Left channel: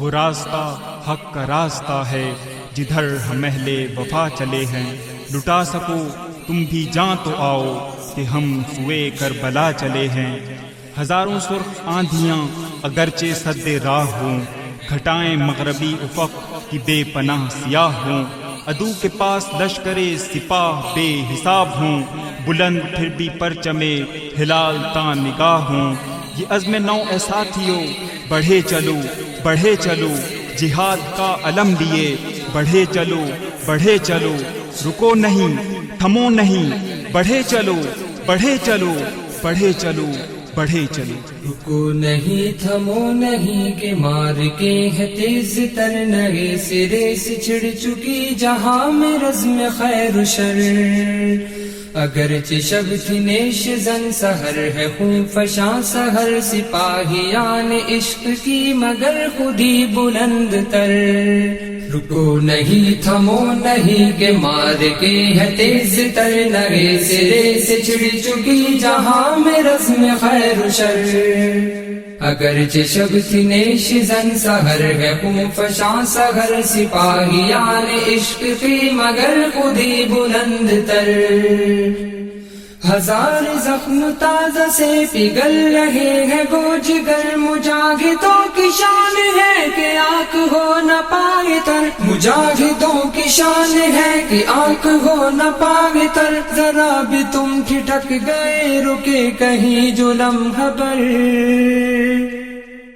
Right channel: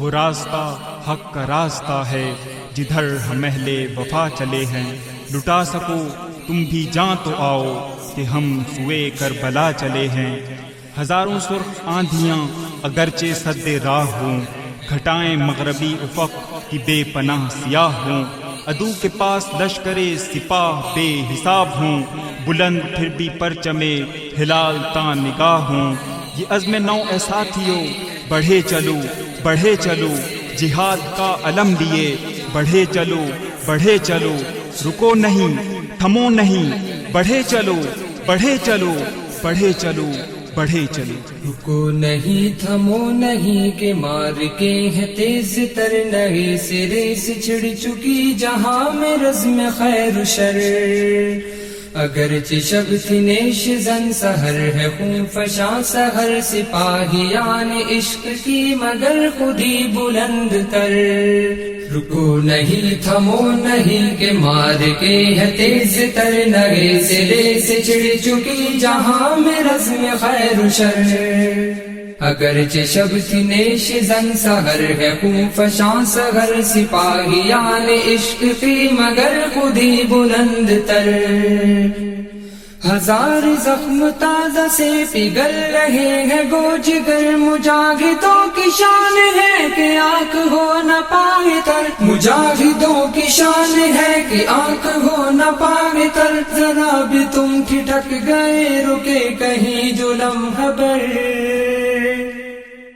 وہ راستہ حق کا راستہ ہے جدھر ہم اہل وفا چلے ہیں. لٹا سکو تم بھی جاں تو آؤ کہ ہم سوئے کربلا چلے ہیں. ہزاروں سرخ آندھیاں اگرچہ سد راہ ہوں، گھٹائیں مغربی افق کی بے پناہ سیاہ ہوں. عدو کے پاس لشکرے سپاہ بے حساب ہوں، بلند پھر بھی پرچمے ہلال تاں نگاہ ہوں. یہ عزم نو اے ساتھیو بڑھے چلو بڑھے چلو، جہاد کا علم لیے بڑھے چلو بڑھے چلو. رکو نہیں تھمو نہیں، بڑھے چلو بڑھے چلو بڑھے چلو بڑھے چلو. رکو نہیں تھمو نہیں کہ مار کے ہے تیز تر نئے سرے سے چھڑ چکی جہاں میں رزم خیر و شر. اگرچہ شب تھی نیش زن سحر ہے خون فشاں سحر سپاہیان عشق کی مگر خودی بلند تر. رکو نہیں تھمو نہیں کہ مار کے ہے تیز تر نئے سرے سے چھڑ چکی جہاں میں رزم خیر و شر. اگرچہ شب تھی نیش زن سحر ہے خون فشاں سحر سپاہیان عشق کی مگر خودی بلند تر. ہزار زخم تازہ سے پگھل رہے ہیں گو جگر، مجاہدوں کی شان ہے کہ آنکھ ہو نہ پائے تر. مجاہدوں کی شان ہے کہ آنکھ ہو نہ پائے تر. ذرا بھی تم ٹھٹک گئے رکے کہیں جو لمحہ بھر،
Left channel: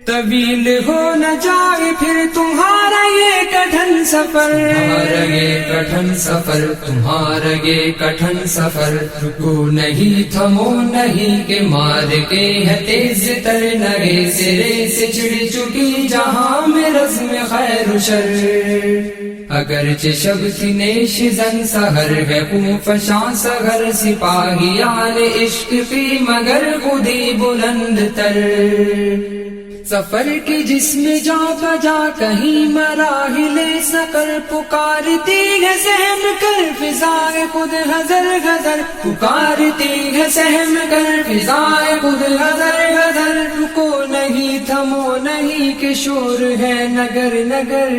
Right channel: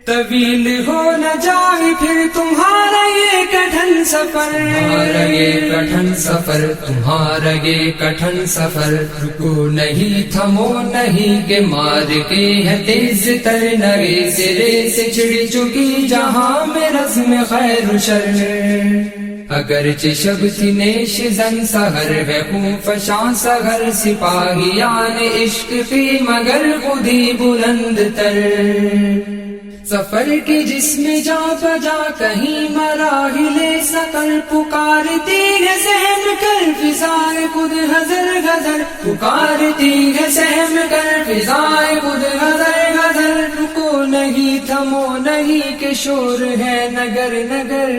طویل ہو نہ جائے پھر تمہارا یہ کٹھن سفر. تمہارا یہ کٹھن سفر، تمہارا یہ کٹھن سفر. رکو نہیں تھمو نہیں کہ مار کے ہے تیز تر نئے سرے سے چھڑ چکی جہاں میں رزم خیر و شر. اگرچہ شب تھی نیش زن سحر ہے خون فشاں سحر سپاہیان عشق کی مگر خودی بلند تر. سفر کی جسم جا بجا کہیں مراحل سکر، پکارتی ہے سہم کر فضائے خود حضر غزر. پکارتی ہے سہم کر فضائے خود حضر غزر. رکو نہیں تھمو نہیں کہ شور ہے نگر نگر،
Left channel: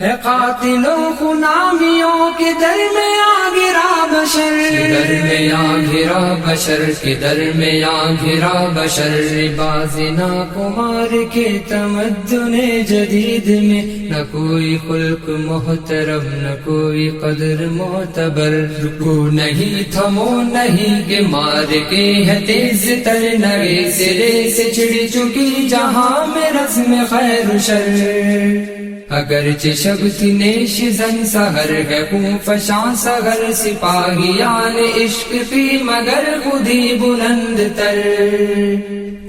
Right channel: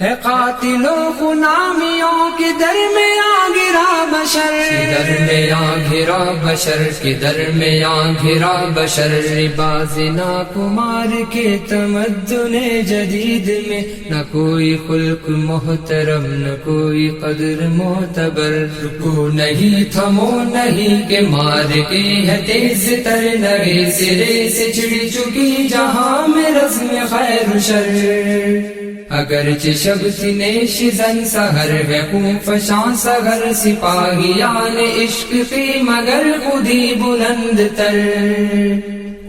ہے قاتلوں غلامیوں کے درمیان گرا بشر. درمیان گرا بشر کے درمیان گرا بشر. بازنا کمار کے تمدن جدید میں نہ کوئی خلق محترم نہ کوئی قدر معتبر. رکو نہیں تھمو نہیں کہ مار کے ہے تیز تر نئے سرے سے چھڑ چکی جہاں میں رزم خیر و شر. اگرچہ شب تھی نیش زن سحر ہے خون فشاں سحر سپاہیان عشق کی مگر خودی بلند تر.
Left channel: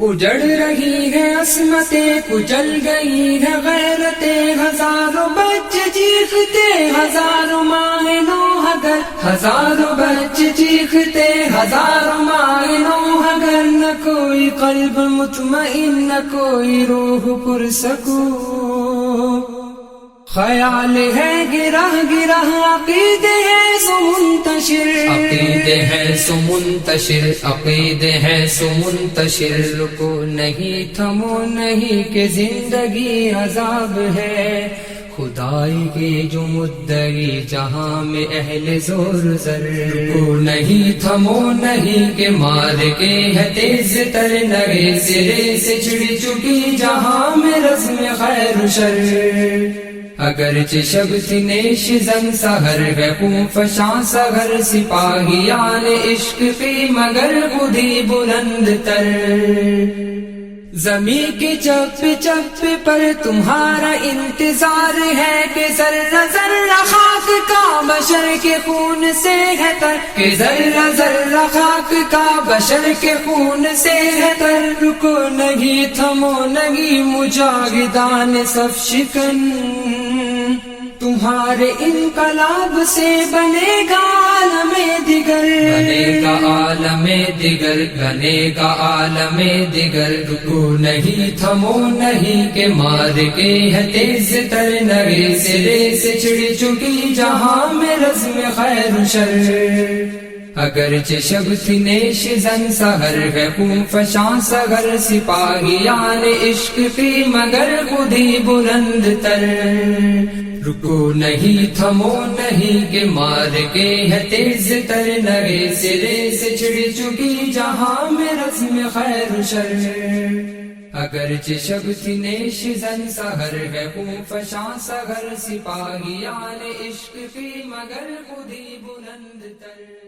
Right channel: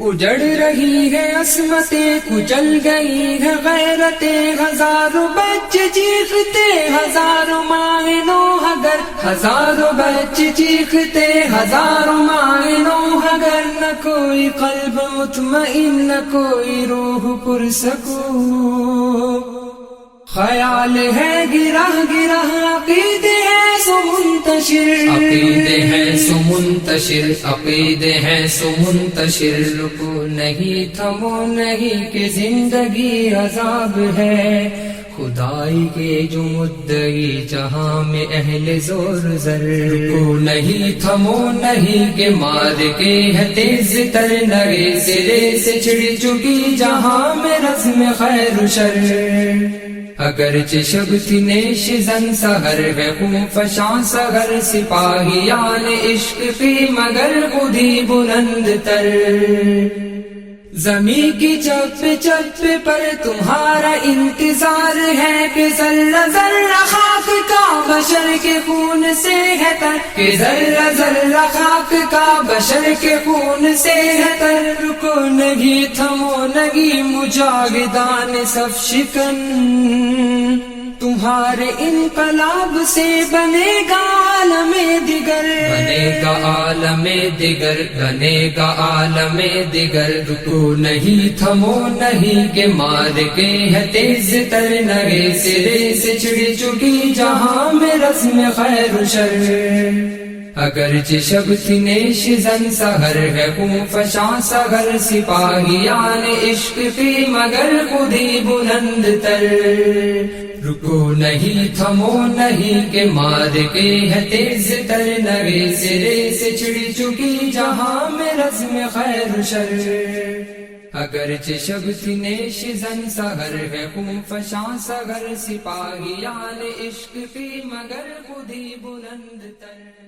اجڑ رہی ہے عصمتیں کچل گئی ہے غیرتیں، ہزاروں بچے چیختے ہزاروں مائیں نو اگر. ہزاروں بچے چیختے ہزاروں مائیں نو اگر. نہ کوئی قلب مطمئن نہ کوئی روح پرسکون، خیال ہے گرہ گرہ عقیدے ہیں سو منتشر. عقیدے ہیں سو منتشر عقیدے ہیں سو منتشر. رکو نہیں تھمو نہیں کہ زندگی عذاب ہے، خدائی کی جو مدعی جہاں میں اہل زور زر. رکو نہیں تھمو نہیں کہ مار کے ہے تیز تر نئے سرے سے چھڑ چکی جہاں میں رزم خیر و شر. اگرچہ شب تھی نیش زن سحر ہے خون فشاں سحر سپاہیان عشق کی مگر خودی بلند تر. زمین کی چپ چپ پر تمہارا انتظار ہے کہ ذرہ ذرہ خاک کا بشر کے خون سے ہے تر. کہ ذرہ ذرہ خاک کا بشر کے خون سے ہے تر. رکو نہیں تھمو نہیں مجاہدان صف شکن، تمہارے انقلاب سے بنے گا عالم دیگر. بنے گا عالم دیگر بنے گا عالم دیگر. رکو نہیں تھمو نہیں کہ مار کے ہے تیز تر نئے سرے سے چھڑ چکی جہاں میں رزم خیر و شر. اگرچہ شب تھی نیش زن سحر ہے خون فشاں سگر سپاہیان عشق کی مگر خود ہی بلند تر رکو نہیں تھمو نہیں کہ مار کے ہے تیز تر نئے سرے سے چھڑ چکی جہاں میں رزم خیر و شر اگرچہ شب تھی نیش زن سحر ہے خون فشاں سگر سپاہیان عشق کی مگر خود ہی بلند تر